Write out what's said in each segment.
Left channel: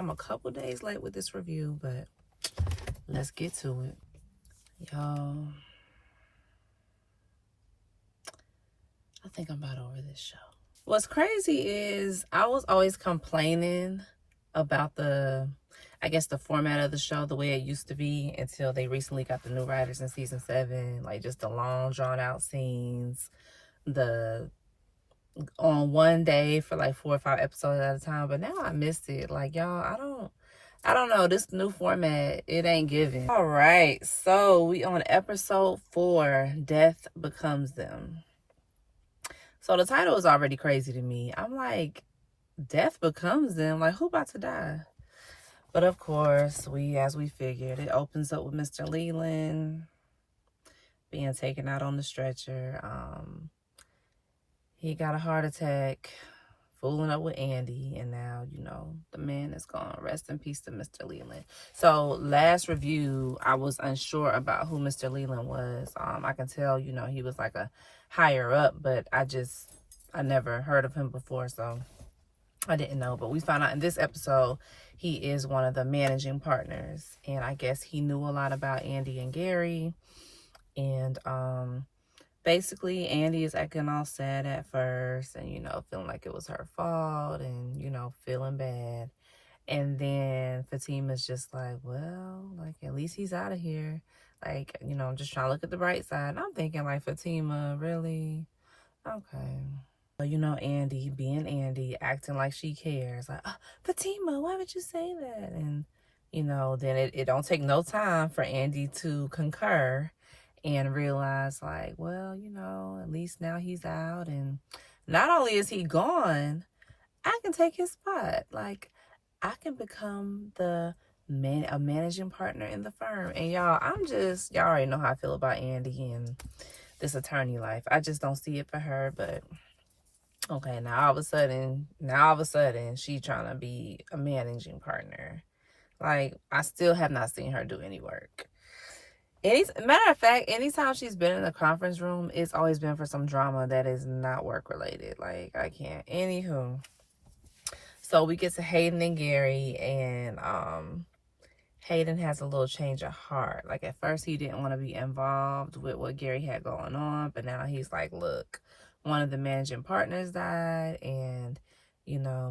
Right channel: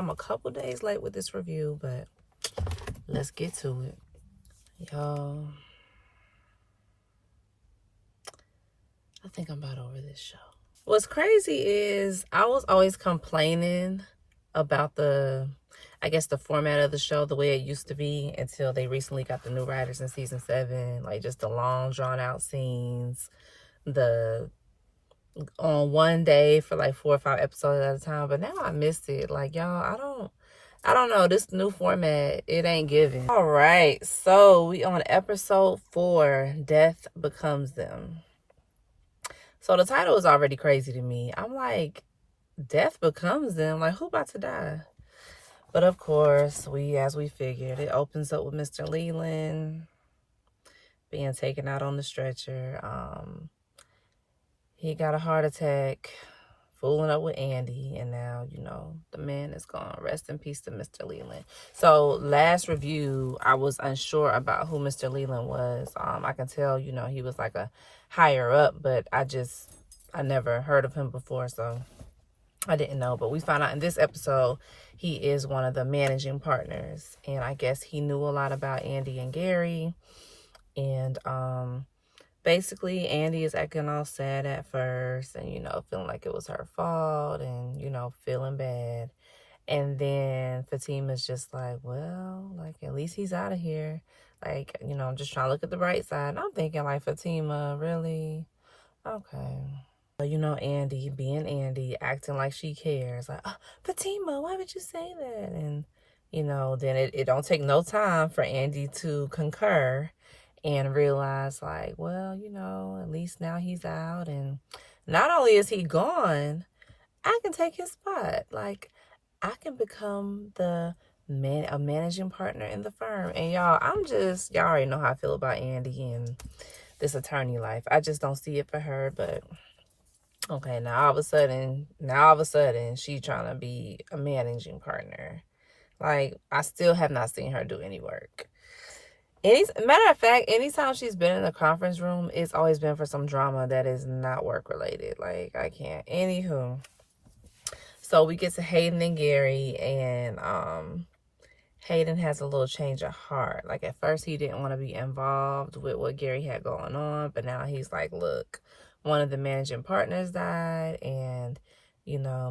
I'm a couple days late with this review, but let's get to it. Y'all, I think I'm about over this show. What's crazy is I was always complaining about the format of the show, the way it used to be, until they recently got the new writers in season 7. Like, just the long, drawn-out scenes, the on one day for like 4 or 5 episodes at a time. But now I missed it. Like, y'all, I don't know. This new format, it ain't giving. All right, so we on episode 4, Death Becomes Them. So the title is already crazy to me. I'm like, Death Becomes Them? Like, who about to die? But of course, as we figured, it opens up with Mr. Leland being taken out on the stretcher. He got a heart attack, fooling up with Andy, and now, the man is gone. Rest in peace to Mr. Leland. So last review, I was unsure about who Mr. Leland was. I can tell, he was like a higher up, but I never heard of him before, so I didn't know. But we found out in this episode, he is one of the managing partners, and I guess he knew a lot about Andy and Gary, and basically, Andy is acting all sad at first and, feeling like it was her fault and, feeling bad. And then Fatima's just like, well, like, at least he's out of here. Like, I'm just trying to look at the bright side. And I'm thinking, like, Fatima, really? Okay. Andy, being Andy, acting like she cares. Like, oh, Fatima, why would you say that? And, then it don't take no time for Andy to concur and realize, like, well, at least now he's out, and not only is he gone, I can take his spot. Like, I can become a managing partner in the firm. And y'all already know how I feel about Andy and this attorney life. I just don't see it for her. But okay, now all of a sudden she trying to be a managing partner. Like, I still have not seen her do any work. Matter of fact, anytime she's been in the conference room, it's always been for some drama that is not work related. Like, I can't. Anywho, so we get to Hayden and Gary, and Hayden has a little change of heart. Like, at first he didn't want to be involved with what Gary had going on, but now he's like, look, one of the managing partners died, and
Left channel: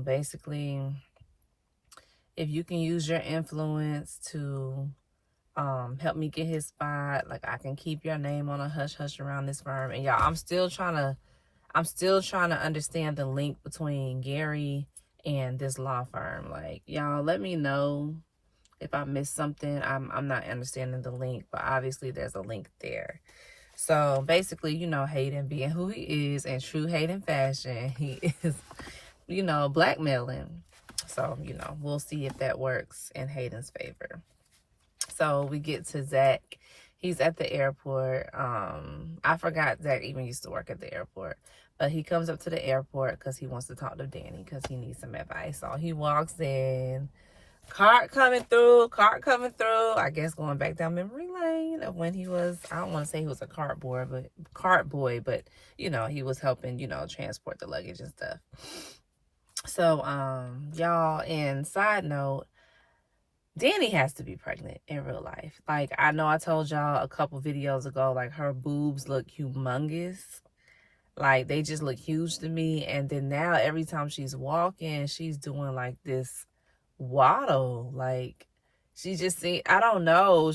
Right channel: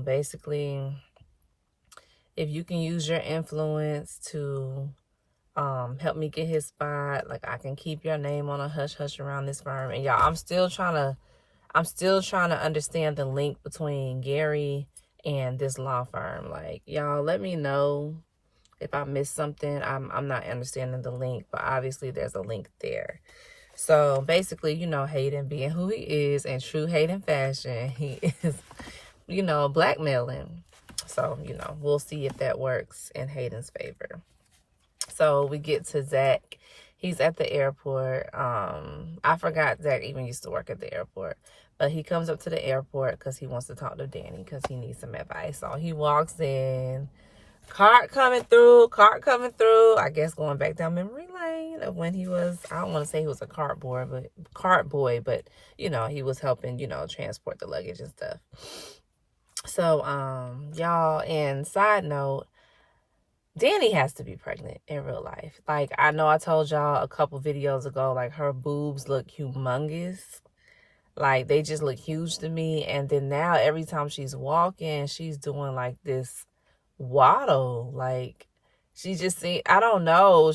basically, if you can use your influence to help me get his spot, like, I can keep your name on a hush hush around this firm. And y'all, I'm still trying to understand the link between Gary and this law firm. Like, y'all, let me know if I missed something. I'm not understanding the link, but obviously there's a link there. So basically, Hayden, being who he is in true Hayden fashion, he is, blackmailing. So, we'll see if that works in Hayden's favor. So we get to Zach. He's at the airport. I forgot Zach even used to work at the airport. But he comes up to the airport because he wants to talk to Danny because he needs some advice. So he walks in. Cart coming through. I guess going back down memory lane of when he was, I don't want to say he was a cart boy, but he was helping, transport the luggage and stuff. So, y'all, and side note, Danny has to be pregnant in real life. Like, I know I told y'all a couple videos ago, like, her boobs look humongous. Like, they just look huge to me. And then now, every time she's walking, she's doing, like, this waddle. Like, she just I don't know.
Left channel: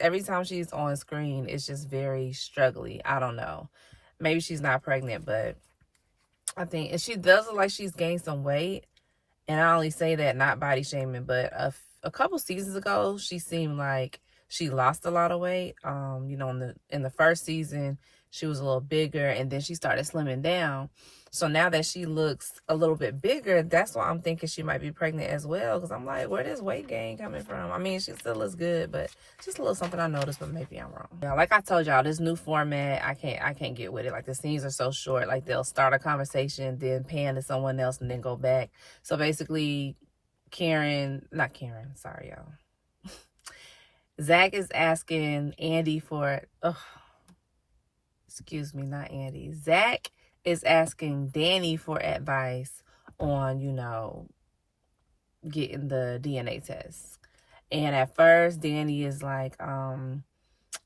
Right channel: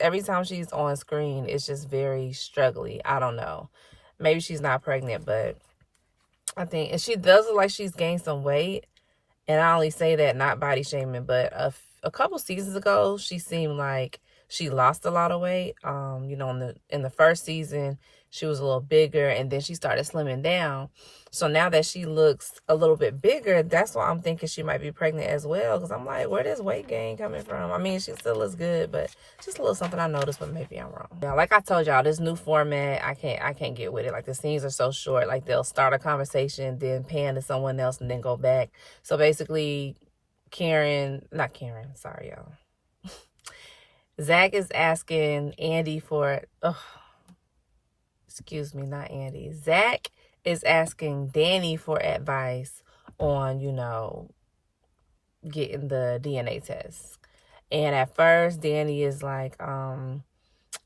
Every time she's on screen, it's just very struggly. I don't know. Maybe she's not pregnant, but I think, and she does look like she's gained some weight. And I only say that not body shaming, but a couple seasons ago, she seemed like she lost a lot of weight. In the first season, she was a little bigger, and then she started slimming down. So now that she looks a little bit bigger, that's why I'm thinking she might be pregnant as well. Because I'm like, where does weight gain coming from? I mean, she still looks good, but just a little something I noticed, but maybe I'm wrong. Yeah, like I told y'all, this new format, I can't get with it. Like, the scenes are so short. Like, they'll start a conversation, then pan to someone else, and then go back. So basically, sorry, y'all. Zach is asking Andy for, not Andy. Zach is asking Danny for advice on, getting the DNA test. And at first, Danny is like, oh,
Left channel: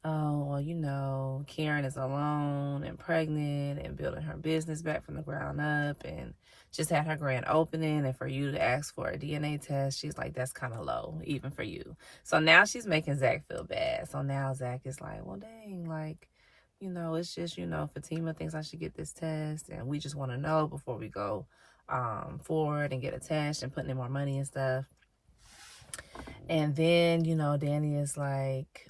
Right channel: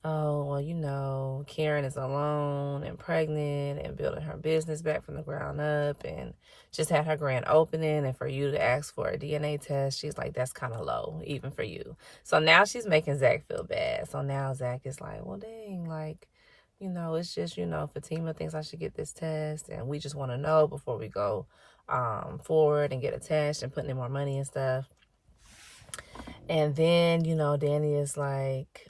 well, you know, Karen is alone and pregnant and building her business back from the ground up and just had her grand opening. And for you to ask for a DNA test, she's like, that's kind of low, even for you. So now she's making Zach feel bad. So now Zach is like, well, dang, like, you know, it's just, you know, Fatima thinks I should get this test. And we just want to know before we go forward and get a test and putting in more money and stuff. And then, you know, Danny is like,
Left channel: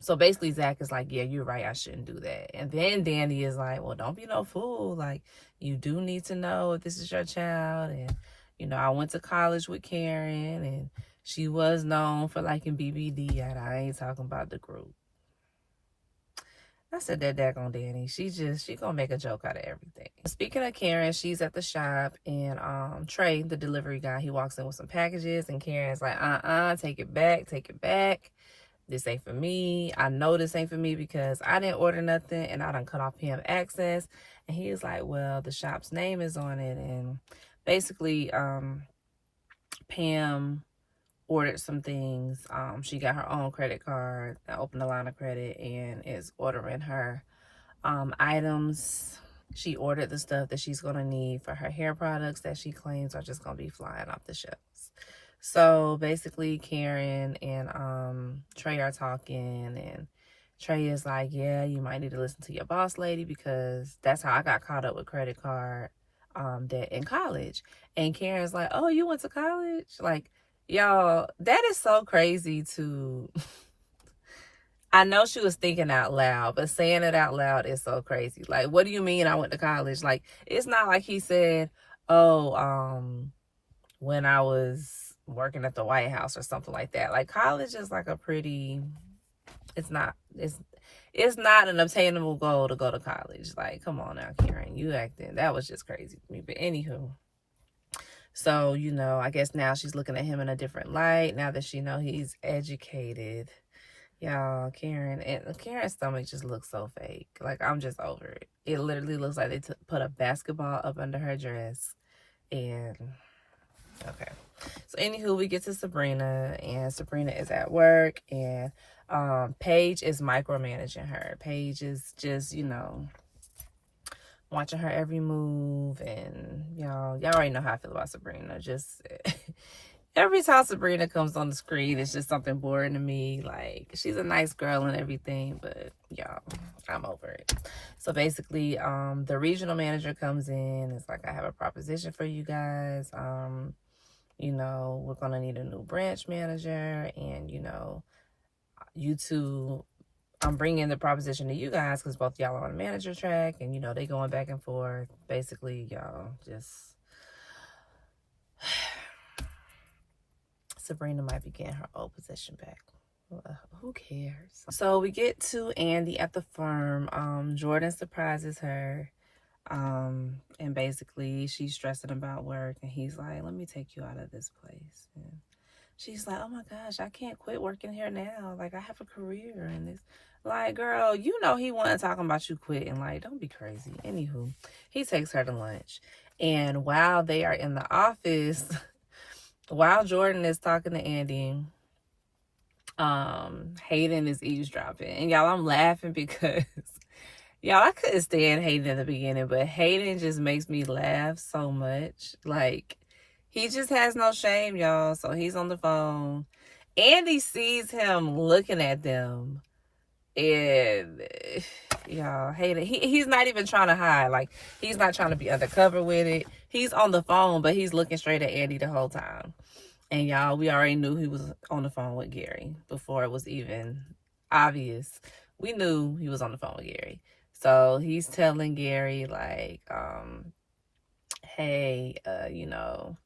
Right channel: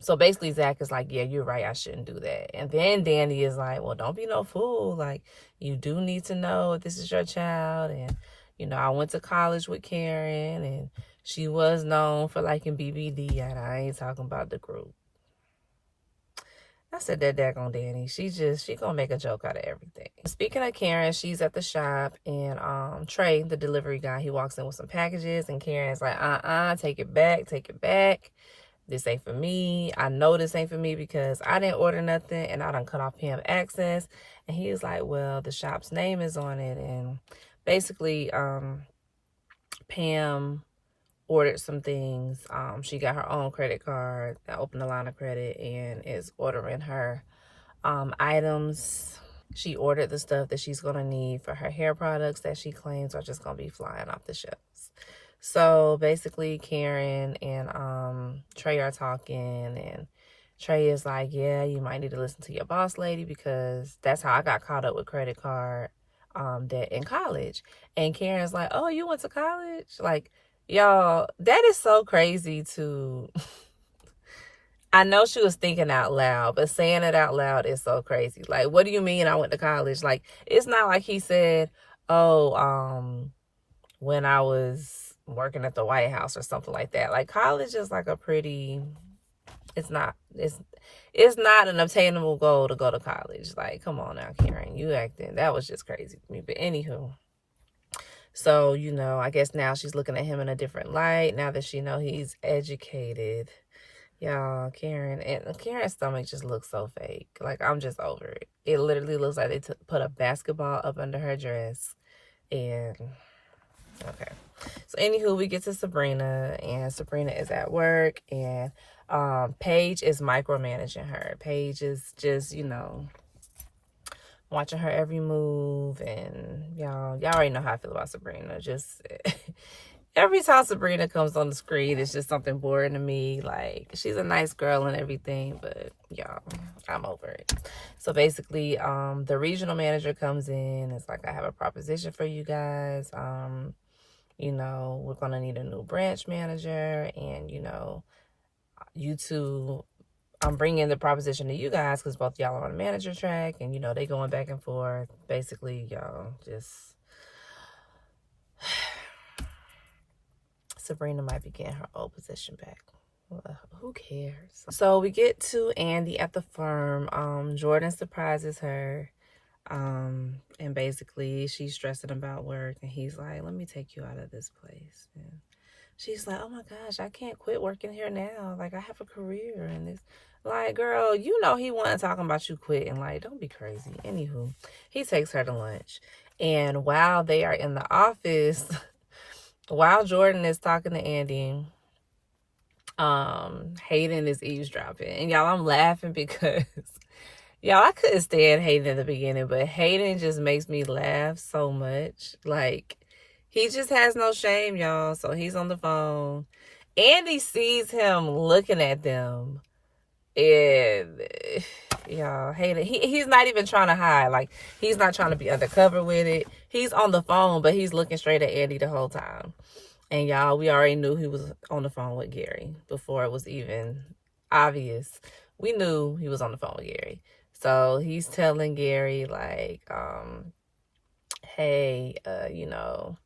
so basically Zach is like, yeah, you're right, I shouldn't do that. And then Danny is like, well, don't be no fool. Like, you do need to know if this is your child. And, you know, I went to college with Karen and she was known for liking BBD. And I ain't talking about the group. I said that daggone Danny. She gonna make a joke out of everything. Speaking of Karen, she's at the shop and Trey, the delivery guy, he walks in with some packages and Karen's like, take it back, take it back. This ain't for me. I know this ain't for me because I didn't order nothing and I done cut off Pam access. And he was like, well, the shop's name is on it. And basically, Pam ordered some things. She got her own credit card, opened a line of credit, and is ordering her items. She ordered the stuff that she's gonna need for her hair products that she claims are just gonna be flying off the shelves. So basically Karen and Trey are talking and Trey is like, yeah, you might need to listen to your boss lady because that's how I got caught up with credit card debt in college. And Karen's like, oh, you went to college? Like, y'all, that is so crazy to... I know she was thinking out loud, but saying it out loud is so crazy. Like, what do you mean I went to college? Like, it's not like he said, oh, when I was working at the White House or something like that. Like, college is like a pretty... It's not an obtainable goal to go to college. Like, come on now, Karen, you acting... That was just crazy to me. But anywho... So, you know, I guess now she's looking at him in a different light now that she know he's educated. Y'all, Karen's stomach just looks so fake. Like, I'm just over it. It literally looks like they put a basketball up under her dress. And, okay. So, anywho, we get to Sabrina. And Sabrina is at work. And Paige is micromanaging her. Paige is just, you know... watching her every move, and y'all already know how I feel about Sabrina. Just every time Sabrina comes on the screen, it's just something boring to me. Like, she's a nice girl and everything, but y'all, I'm over it. So basically, the regional manager comes in. It's like, I have a proposition for you guys. You know, we're gonna need a new branch manager, and you know, you two. I'm bringing the proposition to you guys because both y'all are on the manager track and, you know, they going back and forth. Basically, y'all just... Sabrina might be getting her old position back. Who cares? So we get to Andy at the firm. Jordan surprises her. And basically, she's stressing about work. And he's like, let me take you out of this place. And she's like, oh my gosh, I can't quit working here now. Like, I have a career and this... Like, girl, you know he wasn't talking about you quitting. Like, don't be crazy. Anywho, he takes her to lunch. And while they are in the office, while Jordan is talking to Andy, Hayden is eavesdropping. And y'all, I'm laughing because, y'all, I couldn't stand Hayden in the beginning, but Hayden just makes me laugh so much. Like, he just has no shame, y'all. So he's on the phone. Andy sees him looking at them. And y'all, Hayden, he's not even trying to hide. Like, he's not trying to be undercover with it. He's on the phone, but he's looking straight at Andy the whole time. And y'all, we already knew he was on the phone with Gary before it was even obvious. We knew he was on the phone with Gary. So he's telling Gary, like, hey, you know,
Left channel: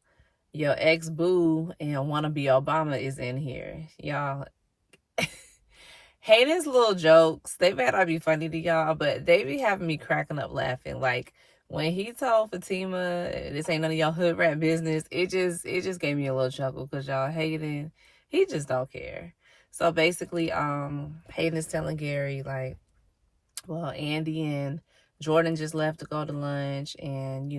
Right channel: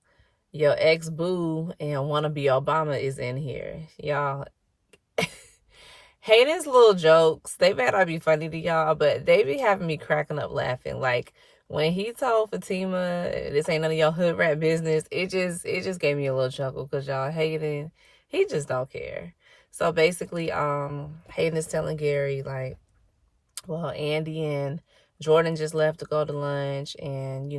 your ex-boo and wannabe Obama is in here. Y'all, Hayden's little jokes, they better not be funny to y'all, but they be having me cracking up laughing. Like, when he told Fatima, this ain't none of your hood rat business, it just gave me a little chuckle because y'all, Hayden, he just don't care. So basically, Hayden is telling Gary, like, well, Andy and Jordan just left to go to lunch, and,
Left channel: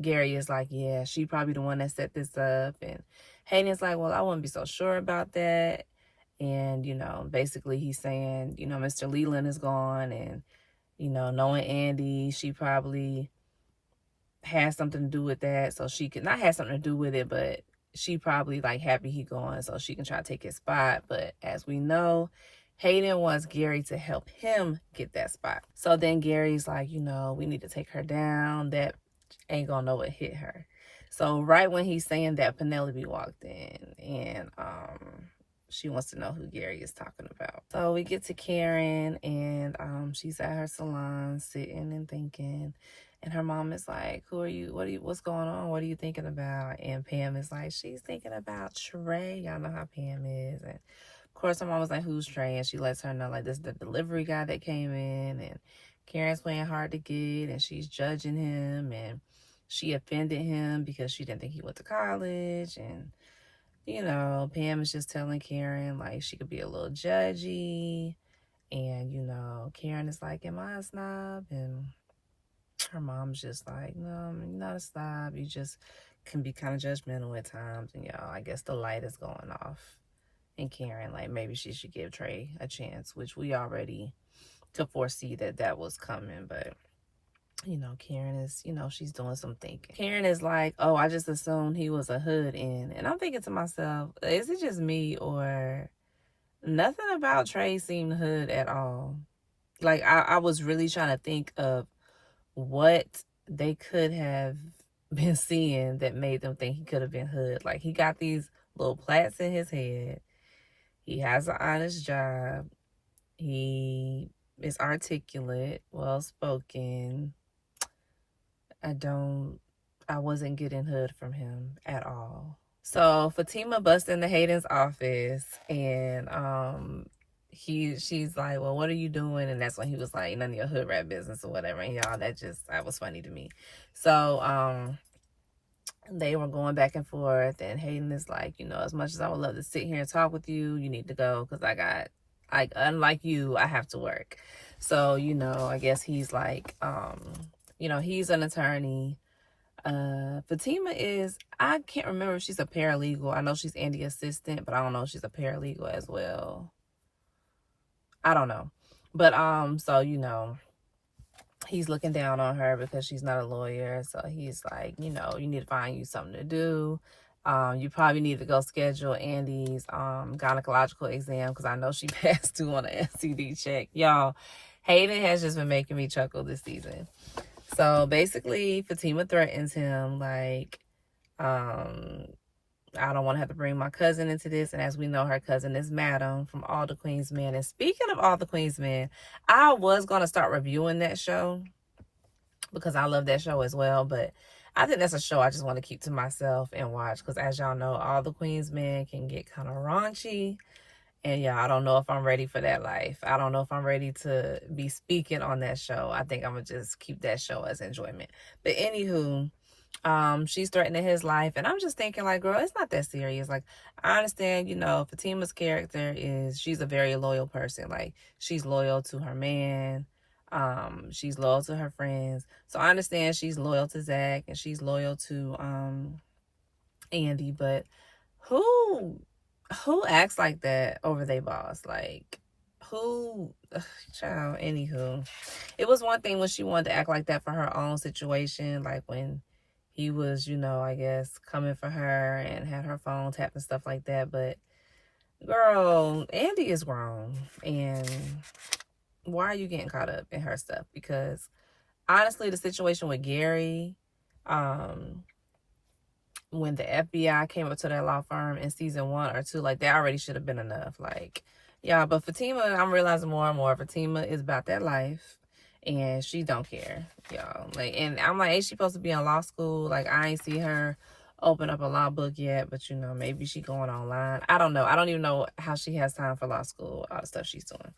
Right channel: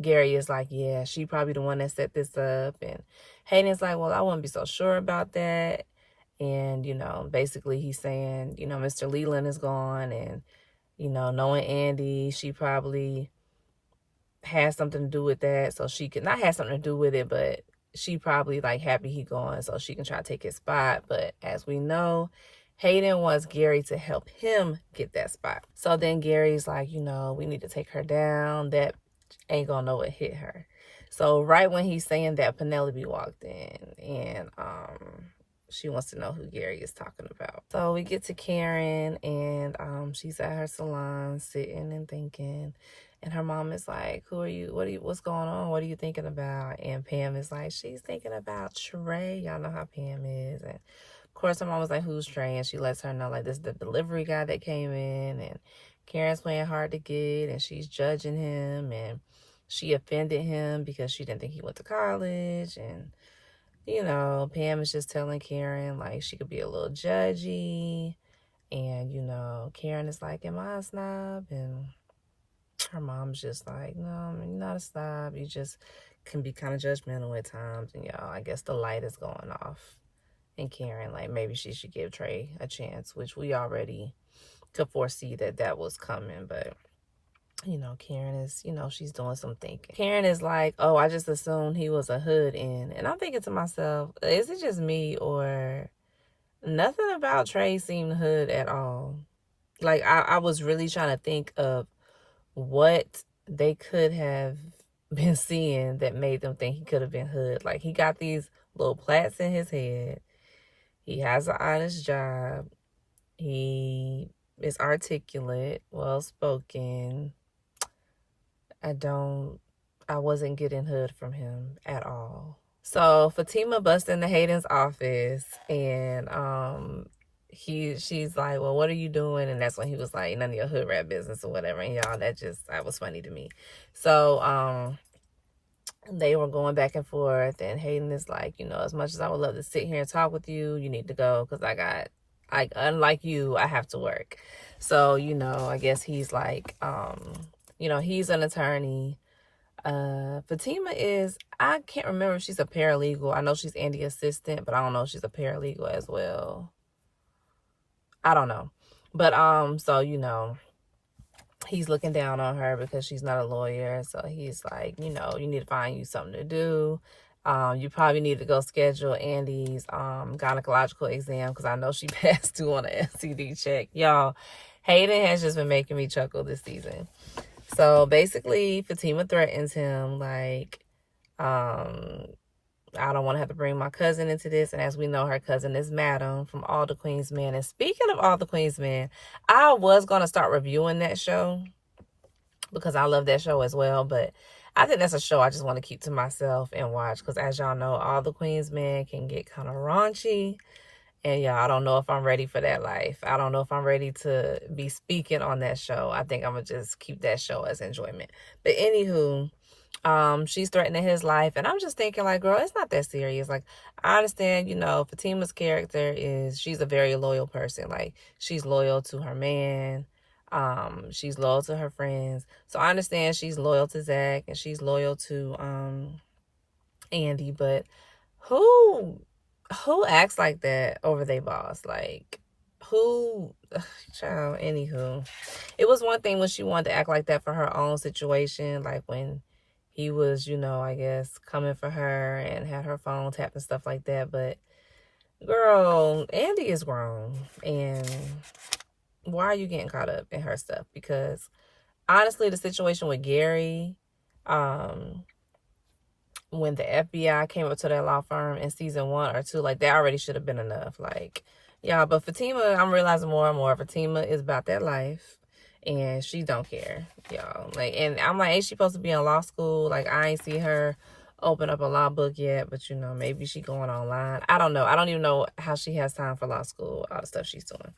Gary is like, yeah, she probably the one that set this up. And Hayden's like, well, I wouldn't be so sure about that. And, basically he's saying, Mr. Leland is gone, and, knowing Andy, she probably has something to do with that. So she could not have something to do with it, but she probably like happy he gone so she can try to take his spot. But as we know, Hayden wants Gary to help him get that spot. So then Gary's like, we need to take her down. That ain't gonna know what hit her. So right when he's saying that, Penelope walked in, and she wants to know who Gary is talking about. So we get to Karen, and she's at her salon sitting and thinking. And her mom is like, who are you? What's going on? What are you thinking about? And Pam is like, she's thinking about Trey. Y'all know how Pam is. And of course, her mom was like, who's Trey? And she lets her know, like, this is the delivery guy that came in. And Karen's playing hard to get, and she's judging him. And she offended him because she didn't think he went to college. And, Pam is just telling Karen, like, she could be a little judgy. And, Karen is like, am I a snob? And her mom's just like, no, you're not a snob. You just can be kind of judgmental at times. And, I guess the light is going off. And Karen, like, maybe she should give Trey a chance, which we already could foresee that was coming. But, Karen is, she's doing some thinking. Karen is like, oh, I just assumed he was a hood in. And I'm thinking to myself, is it just me, or nothing about Trey seemed hood at all? Like, I was really trying to think of what they could have been seeing that made them think he could have been hood. Like, he got these little plaits in his head. He has an honest job. He is articulate, well-spoken. I wasn't getting hood from him at all. So Fatima busts into Hayden's office, and she's like, well, what are you doing? And that's when he was like, none of your hood rat business or whatever. And y'all, that was funny to me. So they were going back and forth, and Hayden is like, as much as I would love to sit here and talk with you, you need to go, because unlike you, I have to work. So, I guess he's like, he's an attorney. Fatima is, I can't remember if she's a paralegal. I know she's Andy's assistant, but I don't know if she's a paralegal as well. I don't know. But, so, he's looking down on her because she's not a lawyer. So he's like, you need to find you something to do. You probably need to go schedule Andy's gynecological exam, because I know she passed due on an STD check. Y'all, Hayden has just been making me chuckle this season. So basically, Fatima threatens him, like, I don't want to have to bring my cousin into this. And as we know, her cousin is Madam from All the Queen's Men. And speaking of All the Queen's Men, I was going to start reviewing that show because I love that show as well. But I think that's a show I just want to keep to myself and watch, because as y'all know, All the Queen's Men can get kind of raunchy. And yeah, I don't know if I'm ready for that life. I don't know if I'm ready to be speaking on that show. I think I'm going to just keep that show as enjoyment. But anywho, she's threatening his life. And I'm just thinking, like, girl, it's not that serious. Like, I understand, Fatima's character is, she's a very loyal person. Like, she's loyal to her man. She's loyal to her friends. So I understand she's loyal to Zach, and she's loyal to Andy. But who acts like that over their boss? Like, child, anywho. It was one thing when she wanted to act like that for her own situation, like when he was, I guess, coming for her and had her phone tapped and stuff like that. But girl, Andy is grown, and why are you getting caught up in her stuff? Because honestly, the situation with Gary, when the FBI came up to their law firm in season 1 or 2, like, that already should have been enough. Like, yeah, but Fatima, I'm realizing more and more, Fatima is about that life, and she don't care, y'all. Like, and I'm like, ain't she supposed to be in law school? Like, I ain't see her open up a law book yet, but maybe she going online. I don't know. I don't even know how she has time for law school, all the stuff she's doing.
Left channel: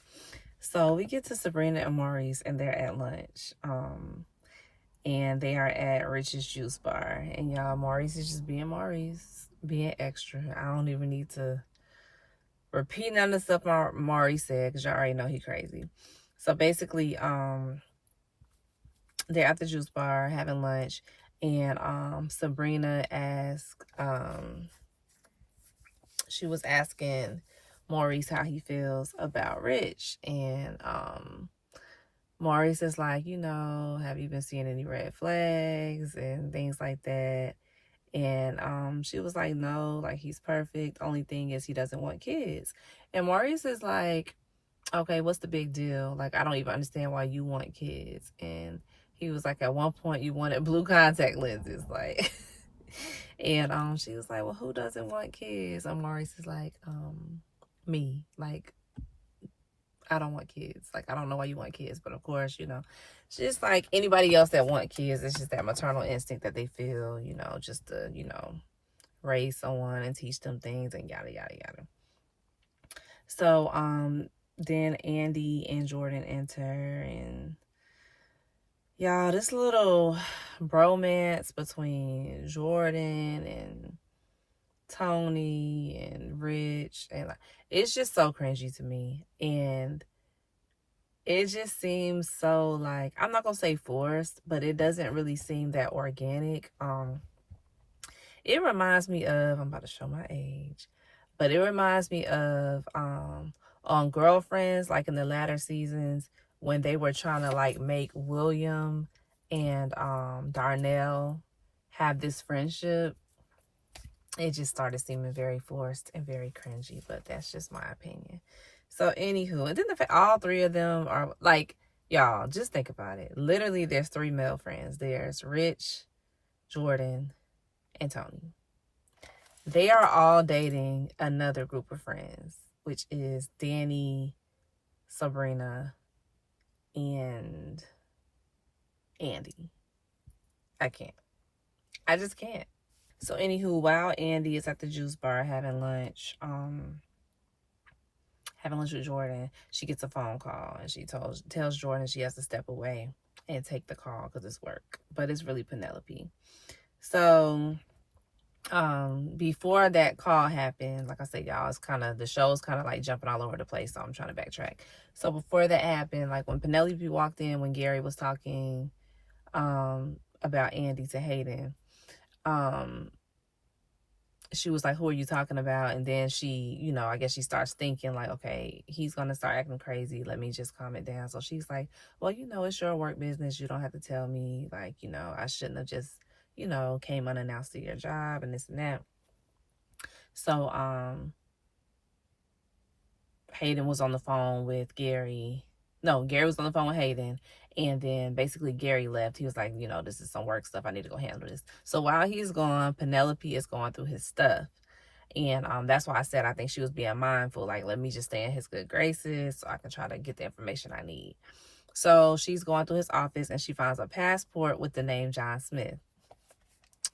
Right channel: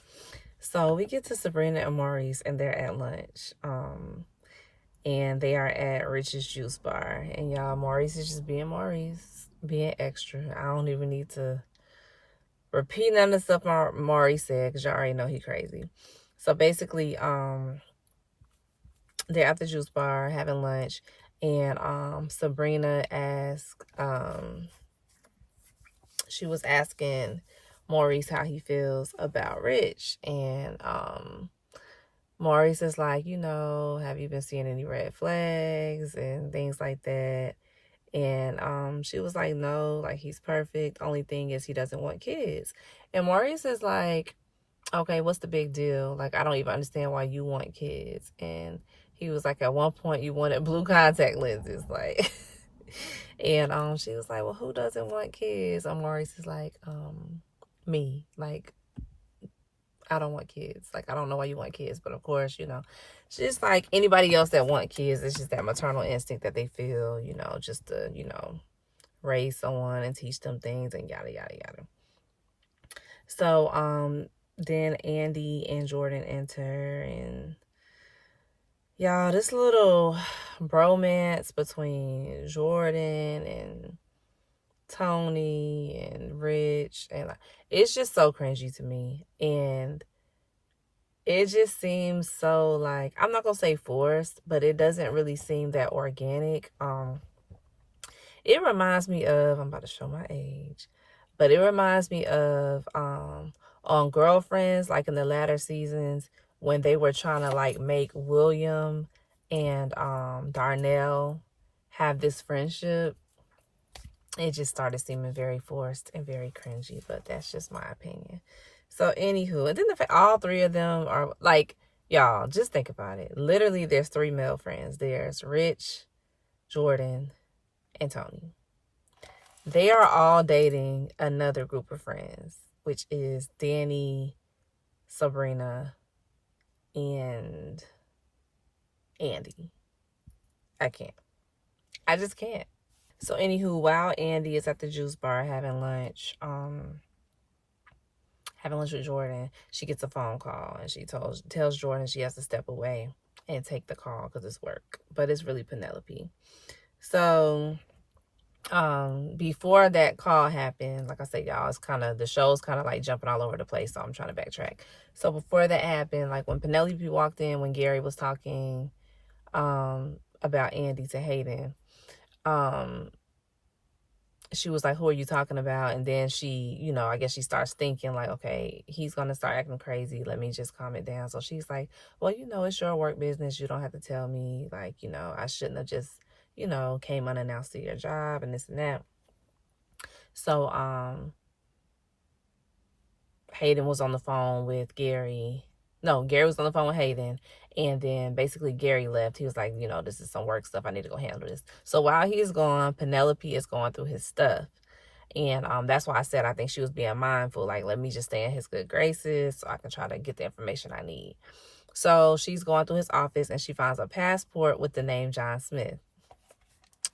So we get to Sabrina and Maurice, and they're at lunch. And they are at Rich's Juice Bar. And y'all, Maurice is just being Maurice, being extra. I don't even need to repeat none of the stuff Maurice said, because y'all already know he crazy. So basically, they're at the juice bar having lunch, and Sabrina asked, she was asking Maurice how he feels about Rich, and Maurice is like, have you been seeing any red flags and things like that? And she was like, no, like he's perfect. Only thing is he doesn't want kids. And Maurice is like, okay, what's the big deal? Like, I don't even understand why you want kids. And he was like, at one point you wanted blue contact lenses, like. And she was like, well, who doesn't want kids? And Maurice is like, me. Like, I don't want kids. Like, I don't know why you want kids, but of course, just like anybody else that want kids, it's just that maternal instinct that they feel, just to, raise someone and teach them things and yada yada yada. So then Andy and Jordan enter, and y'all, this little bromance between Jordan and Tony and Rich, and like, it's just so cringy to me. And it just seems so, like, I'm not gonna say forced, but it doesn't really seem that organic. It reminds me of, I'm about to show my age, but it reminds me of on Girlfriends, like in the latter seasons, when they were trying to like make William and Darnell have this friendship. It just started seeming very forced and very cringy, but that's just my opinion. So anywho, and then the fact all three of them are like, y'all, just think about it. Literally, there's three male friends. There's Rich, Jordan, and Tony. They are all dating another group of friends, which is Danny, Sabrina, and Andy. I can't. I just can't. So anywho, while Andy is at the juice bar having lunch with Jordan, she gets a phone call, and she tells Jordan she has to step away and take the call because it's work. But it's really Penelope. So before that call happened, like I said, y'all, it's kind of, the show's kind of like jumping all over the place, so I'm trying to backtrack. So before that happened, like when Penelope walked in, when Gary was talking about Andy to Hayden, she was like, who are you talking about? And then she, I guess she starts thinking like, okay, he's going to start acting crazy. Let me just calm it down. So she's like, well, it's your work business. You don't have to tell me. Like, I shouldn't have just, came unannounced to your job and this and that. So, Hayden was on the phone with Gary. No, Gary was on the phone with Hayden. And then basically Gary left. He was like, this is some work stuff. I need to go handle this. So while he's gone, Penelope is going through his stuff. And that's why I said I think she was being mindful. Like, let me just stay in his good graces so I can try to get the information I need. So she's going through his office, and she finds a passport with the name John Smith.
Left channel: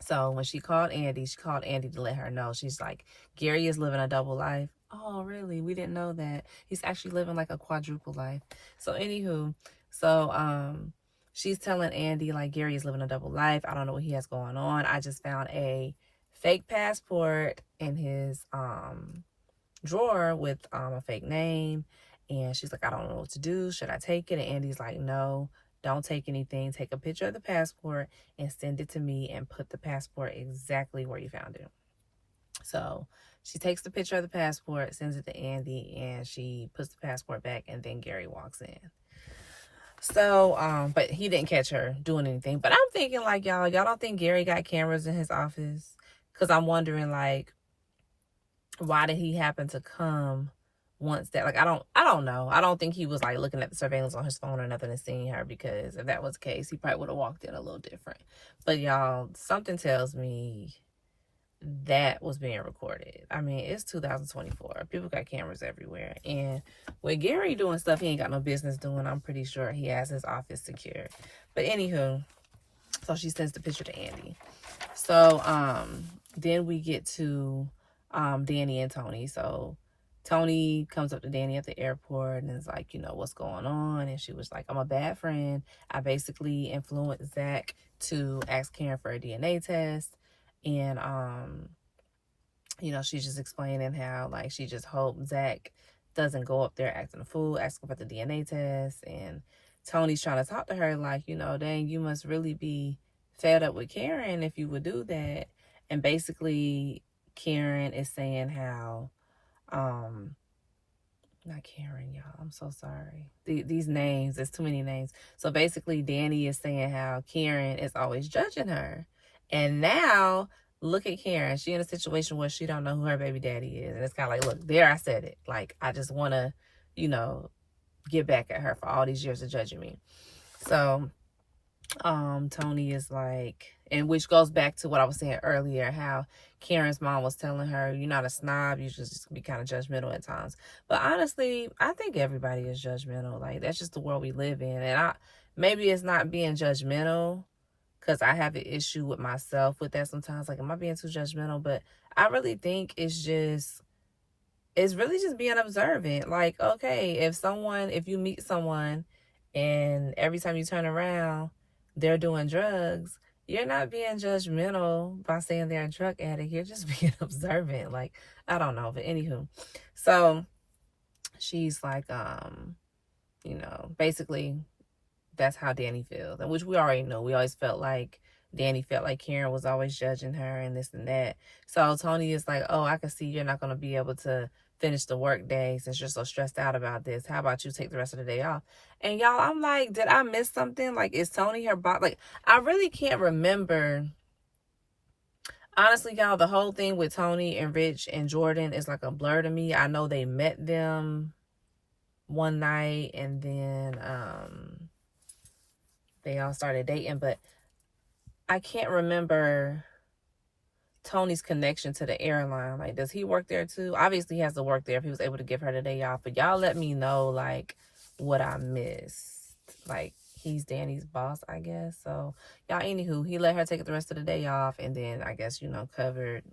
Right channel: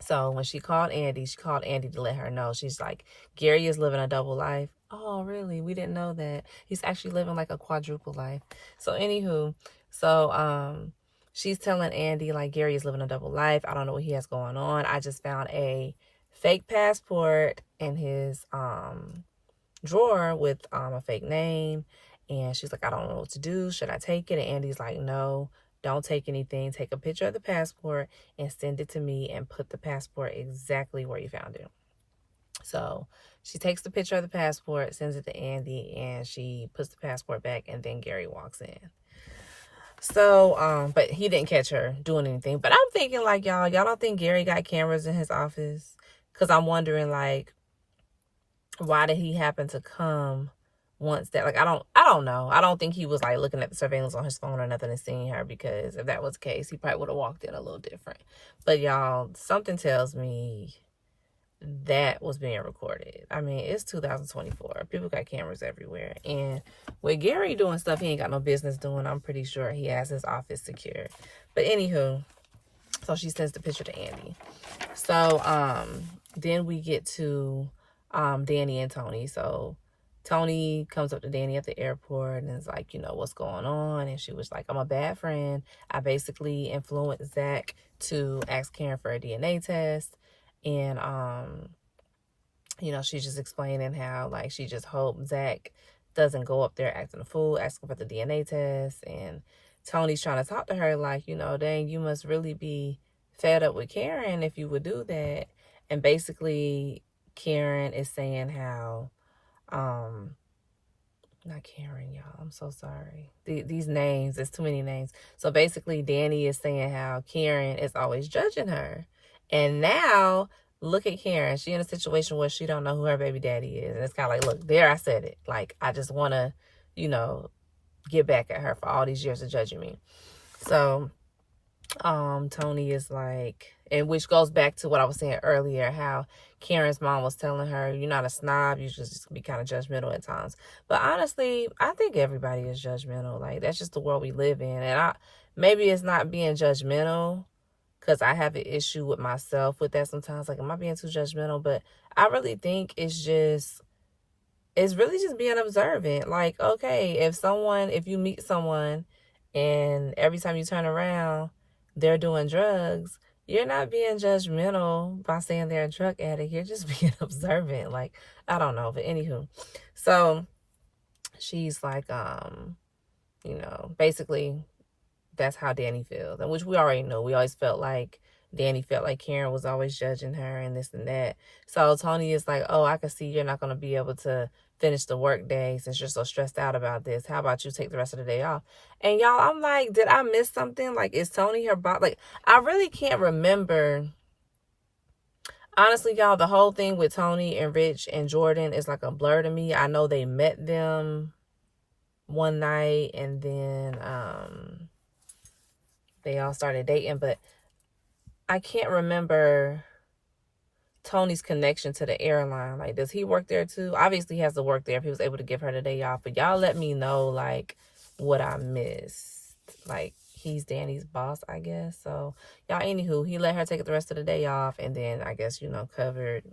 So when she called Andy to let her know. She's like, Gary is living a double life. Oh, really? We didn't know that. He's actually living like a quadruple life. So anywho, she's telling Andy, like, Gary is living a double life. I don't know what he has going on. I just found a fake passport in his drawer with a fake name. And she's like, I don't know what to do. Should I take it? And Andy's like, no, don't take anything. Take a picture of the passport and send it to me, and put the passport exactly where you found it. So she takes the picture of the passport, sends it to Andy, and she puts the passport back, and then Gary walks in. So, but he didn't catch her doing anything. But I'm thinking, like, y'all don't think Gary got cameras in his office? Because I'm wondering, like, why did he happen to come once that, like, I don't know. I don't think he was like looking at the surveillance on his phone or nothing and seeing her, because if that was the case, he probably would have walked in a little different. But y'all, something tells me that was being recorded. I mean, it's 2024. People got cameras everywhere. And with Gary doing stuff he ain't got no business doing, I'm pretty sure he has his office secured. But anywho, so she sends the picture to Andy. So then we get to Danny and Tony. So Tony comes up to Danny at the airport and is like, what's going on? And she was like, I'm a bad friend. I basically influenced Zach to ask Karen for a DNA test. And, she's just explaining how, like, she just hoped Zach doesn't go up there acting a fool, asking for the DNA test. And Tony's trying to talk to her like, dang, you must really be fed up with Karen if you would do that. And basically, Karen is saying how, not Karen, y'all. I'm so sorry. These names, there's too many names. So basically, Danny is saying how Karen is always judging her. And now, look at Karen. She in a situation where she don't know who her baby daddy is. And it's kind of like, look, there I said it. Like, I just want to, get back at her for all these years of judging me. So, Tony is like, and which goes back to what I was saying earlier, how Karen's mom was telling her, you're not a snob, you just be kind of judgmental at times. But honestly, I think everybody is judgmental. Like, that's just the world we live in. And maybe it's not being judgmental, because I have an issue with myself with that sometimes. Like, am I being too judgmental? But I really think it's really just being observant. Like, okay, if you meet someone and every time you turn around, they're doing drugs, you're not being judgmental by saying they're a drug addict. You're just being observant. Like, I don't know. But anywho, so she's like, basically that's how Danny feels. And which we already know. We always felt like Danny felt like Karen was always judging her and this and that. So Tony is like, oh, I can see you're not going to be able to finish the work day since you're so stressed out about this. How about you take the rest of the day off? And y'all, I'm like, did I miss something? Like, is Tony her boss? Like, I really can't remember. Honestly, y'all, the whole thing with Tony and Rich and Jordan is like a blur to me. I know they met them one night and then they all started dating, but I can't remember Tony's connection to the airline. Like, does he work there too? Obviously, he has to work there if he was able to give her the day off. But y'all let me know, like, what I missed. Like, he's Danny's boss, I guess. So, y'all, anywho, he let her take the rest of the day off and then, I guess, covered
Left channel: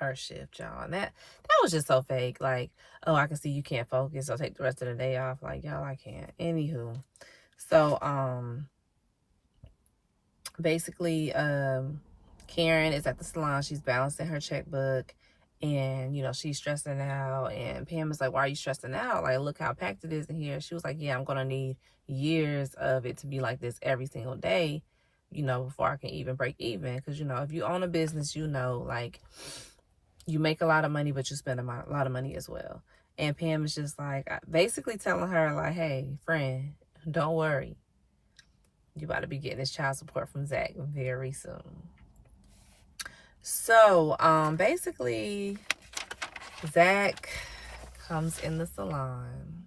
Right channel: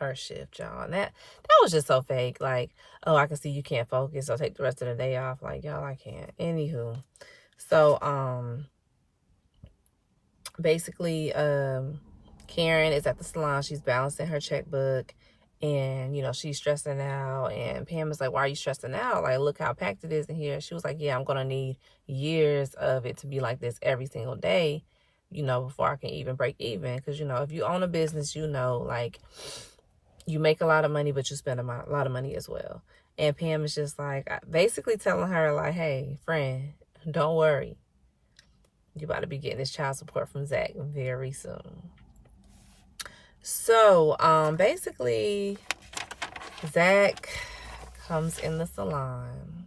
her shift, y'all. And that was just so fake. Like, oh, I can see you can't focus, so take the rest of the day off. Like, y'all, I can't. Anywho. So, basically, Karen is at the salon. She's balancing her checkbook and, she's stressing out. And Pam is like, why are you stressing out? Like, look how packed it is in here. She was like, yeah, I'm going to need years of it to be like this every single day, before I can even break even. Because, if you own a business, like, you make a lot of money, but you spend a lot of money as well. And Pam is just like, basically telling her, like, hey, friend, don't worry. You about to be getting this child support from Zach very soon. So, basically, Zach comes in the salon,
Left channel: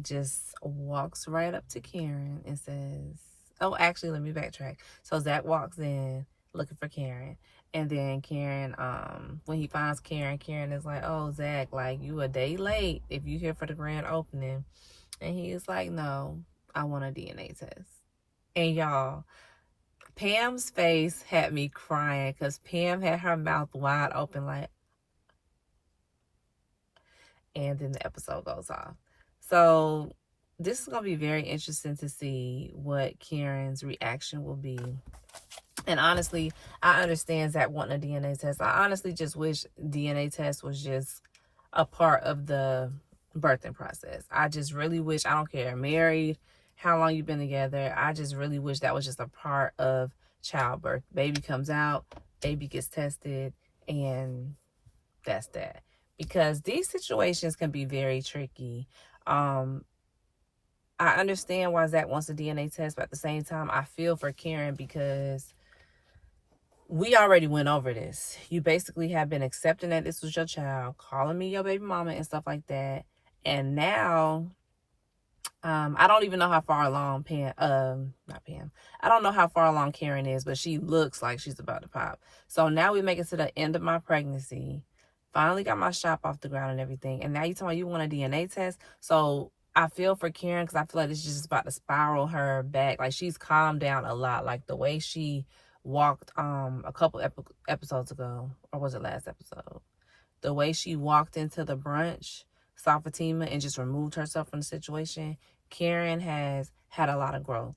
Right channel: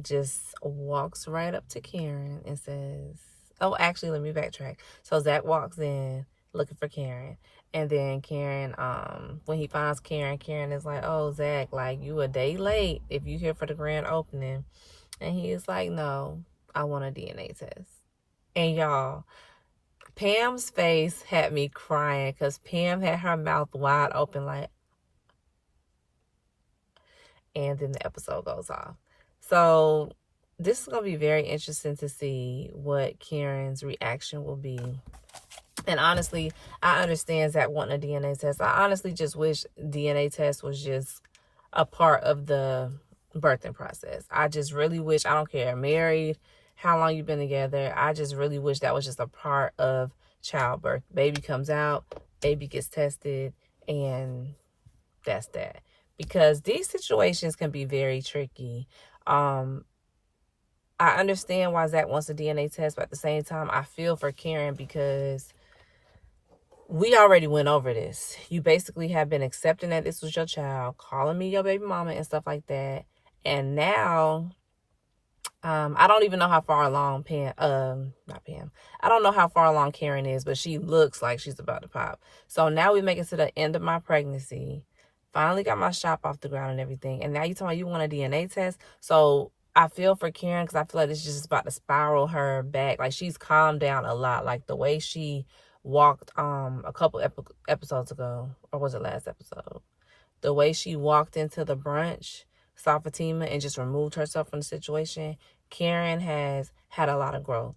just walks right up to Karen and says, oh, actually, let me backtrack. So, Zach walks in looking for Karen. And then Karen, when he finds Karen, Karen is like, oh, Zach, like, you a day late if you here for the grand opening. And he is like, no, I want a DNA test. And y'all, Pam's face had me crying because Pam had her mouth wide open like, and then the episode goes off. So this is going to be very interesting to see what Karen's reaction will be. And honestly, I understand Zach wanting a DNA test. I honestly just wish DNA test was just a part of the birthing process. I just really wish, I don't care, married, how long you've been together, I just really wish that was just a part of childbirth. Baby comes out, baby gets tested, and that's that. Because these situations can be very tricky. I understand why Zach wants a DNA test, but at the same time, I feel for Karen because we already went over this. You basically have been accepting that this was your child, calling me your baby mama and stuff like that. And now, I don't even know how far along not Pam. I don't know how far along Karen is, but she looks like she's about to pop. So now we make it to the end of my pregnancy. Finally got my shop off the ground and everything. And now you talking about you want a DNA test. So I feel for Karen because I feel like it's just about to spiral her back. Like, she's calmed down a lot. Like, the way she walked a couple episodes ago, or was it last episode? The way she walked into the brunch, saw Fatima, and just removed herself from the situation, Karen has had a lot of growth.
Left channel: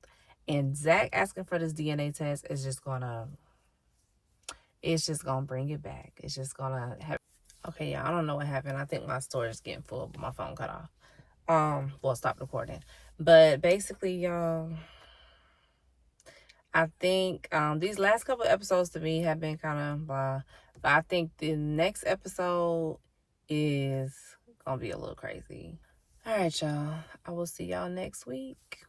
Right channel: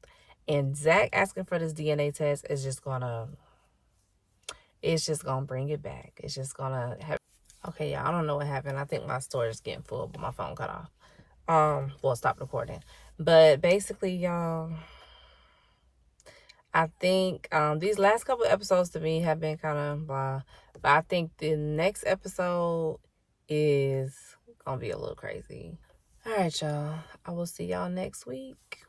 And Zach asking for this DNA test is just gonna bring it back. It's just gonna have. Okay, y'all, I don't know what happened. I think my storage is getting full, but my phone cut off. Well, stop recording. But basically, y'all, I think these last couple of episodes to me have been kind of blah. But I think the next episode is gonna be a little crazy. All right, y'all. I will see y'all next week.